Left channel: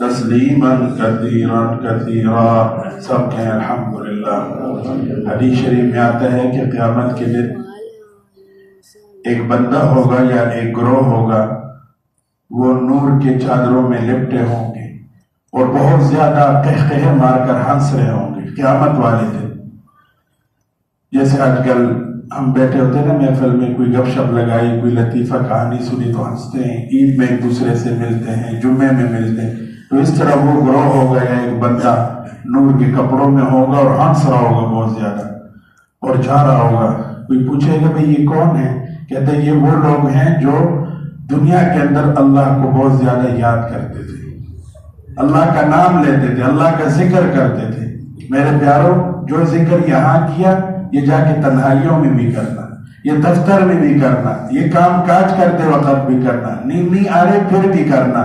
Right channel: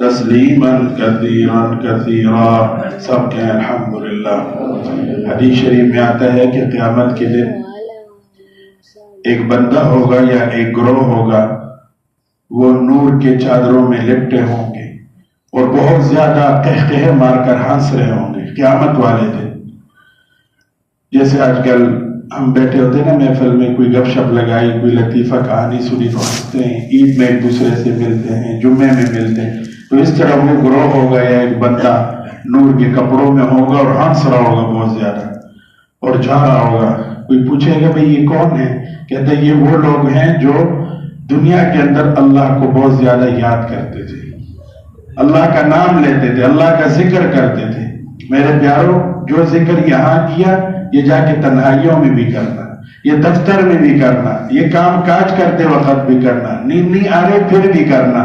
तस्लीमन कसीरन कसीरा। सब कहें अल्हम्दुलिल्लाह। हदीस शरीफ में आता है कि क़यामत के दिन एक बंदा होगा या एक ग्रोह होगा, वो नूर के चादरों में लिपटे होंगे और बहुत ज्यादा कहकहे मारकर हंस रहे होंगे क़यामत वाले दिन। जैसे आजकल हम बैठे होते हैं ना महफिल में, कोई गपशप लगाई, कोई लतीफ़ा कहानी सुनी तो हंसते हैं, ईद में एक दूसरे से मिलते हैं, जुम्मे में मिलते हैं। तो इस तरह वो ग्रोह होगा या एक बंदा नूर के कपड़ों में होगा और हंस रहा होगा बहुत ज्यादा और जा रहा होगा। कोई पूछेगा भाई ये कौन है? कहते ये वो लोग हैं जो दुनिया के अंदर अल्लाह को बहुत ज्यादा याद करते थे, अल्लाह का नाम लेते थे, अल्लाह का जिक्र करते थे। मेरे प्यारों, जो जिक्र यहाँ किया ये जाके तन्हाइयों में भी करना, ये दफ्तर में भी करना, ये काम काज करते वक्त भी करना, नींद नहीं आ रहे फिर भी करना।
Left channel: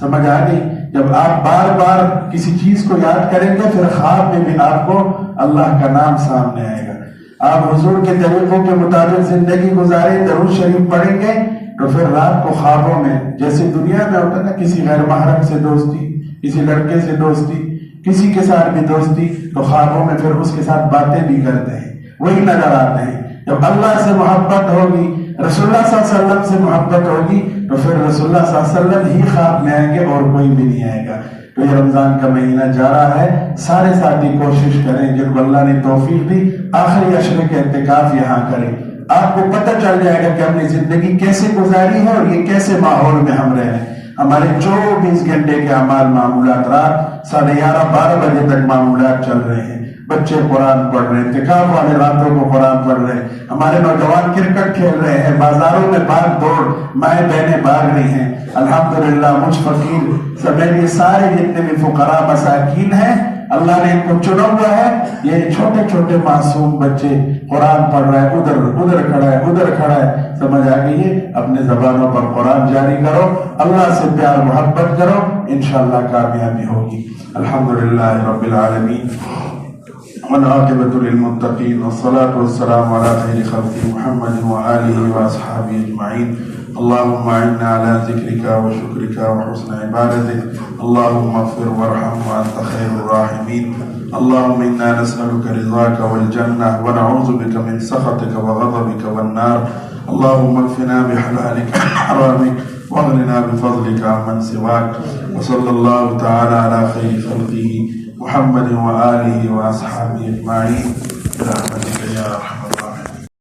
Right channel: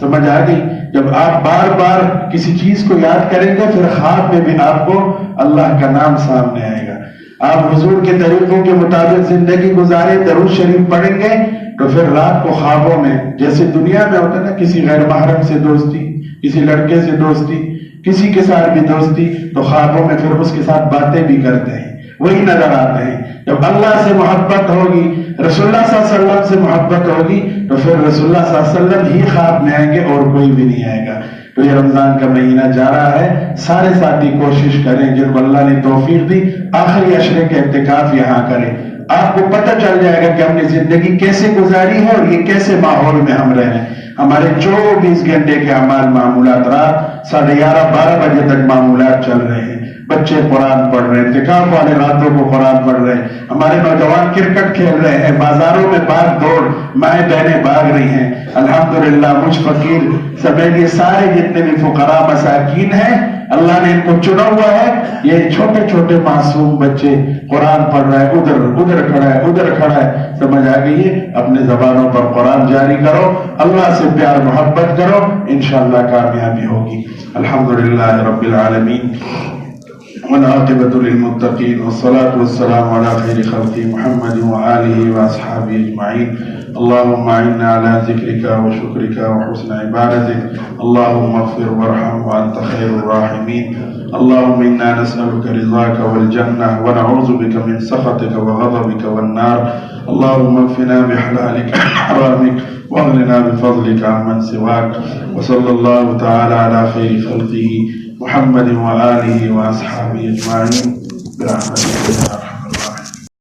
समझ आ गई? जब आप बार बार किसी चीज को याद करेंगे फिर ख्वाब में भी आपको अल्लाह का नाम सामने आएगा। आप हुजूर के तरीकों के मुताबिक जिंदगी गुजारे, दरूद शरीफ पढ़ेंगे तो फिर रात को ख्वाबों में, जैसे दुनिया में होता है ना किसी गैर महरम से दोस्ती, किसी लड़के से दोस्ती, किसी के साथ भी दोस्ती, तो ख्वाबों में फिर उसके साथ बातें भी करते हैं, वही नजर आते हैं। जब अल्लाह से मोहब्बत होगी, रसूलुल्लाह सल्लल्लाहु अलैहि वसल्लम से मोहब्बत होगी तो फिर रसूलुल्लाह सल्लल्लाहु अलैहि वसल्लम ही ख्वाब में आएंगे और कोई भी नहीं आएगा। तो ये रमजान का महीना जा रहा है, सारे साथी कोशिश करें जिनको अल्लाह ने तौफीक दी आखिरी अशरे के इत्तिकाफ यहाँ करें। आपको पता चल जाएगा कि हमने जिंदगी कैसे गुजारी है और ये कैसे माहौल में हम रह रहे हैं। हमारे 24 घंटे के अमाल मामूलात रात 11:30-12 बजे तक मामूलात चल रहे हैं। बच्चे कुरान पढ़ रहे हैं, इत्तिकाफ वाले रातों को कुरान पढ़ रहे हैं, हमारे नौजवान क्रिकेट खेल रहे हैं, बाजारों में भाग दौड़, माएँ बहनें भाग रही हैं। अल्हम्दुलिल्लाह मुझ फकीर समेत ये सारे जितने भी फुकरा मसाकीन हैं, अल्लाह ने इनको चुना हुआ है। ये छोटे छोटे मासूम बच्चे कुरान पढ़ रहे हैं, उधर खड़ा है, उधर खड़ा है। समझ आ गई है? अपने जबानों पर कुरान जारी करो, अल्लाह से प्यार मोहब्बत करो, इंशाअल्लाह कामयाबी होगी। अल्हम्दुलिल्लाह रब्बिल आलमीन वल्आक़िबतु लिलमुत्तक़ीन वस्सलातु वस्सलामु अला खैरि खल्क़ि मुहम्मदिन व आलिहि व अस्हाबिहि अजमईन। अल्लाहुम्मा इन्ना अला ज़िक्रिका व शुक्रिका व हुस्नि इबादतिक। अल्लाहुम्मा इग़फिर वरहम व अंत खैरुर राहिमीन। अल्लाहुम्मा इन्ना नस्अलुका रिज़ाका वल जन्नह व नऊज़ु बिका मिन सख़तिका व ग़ज़बिका वन नार। अल्लाहुम्मा इक्फ़िना बिहलालिका अन हरामिक वअग़निना बिफ़ज़लिका अम्मन सिवाक। व सल्लल्लाहु तआला अला खैरि खल्क़िही मुहम्मदिन व आलिहि व अस्हाबिहि अजमईन।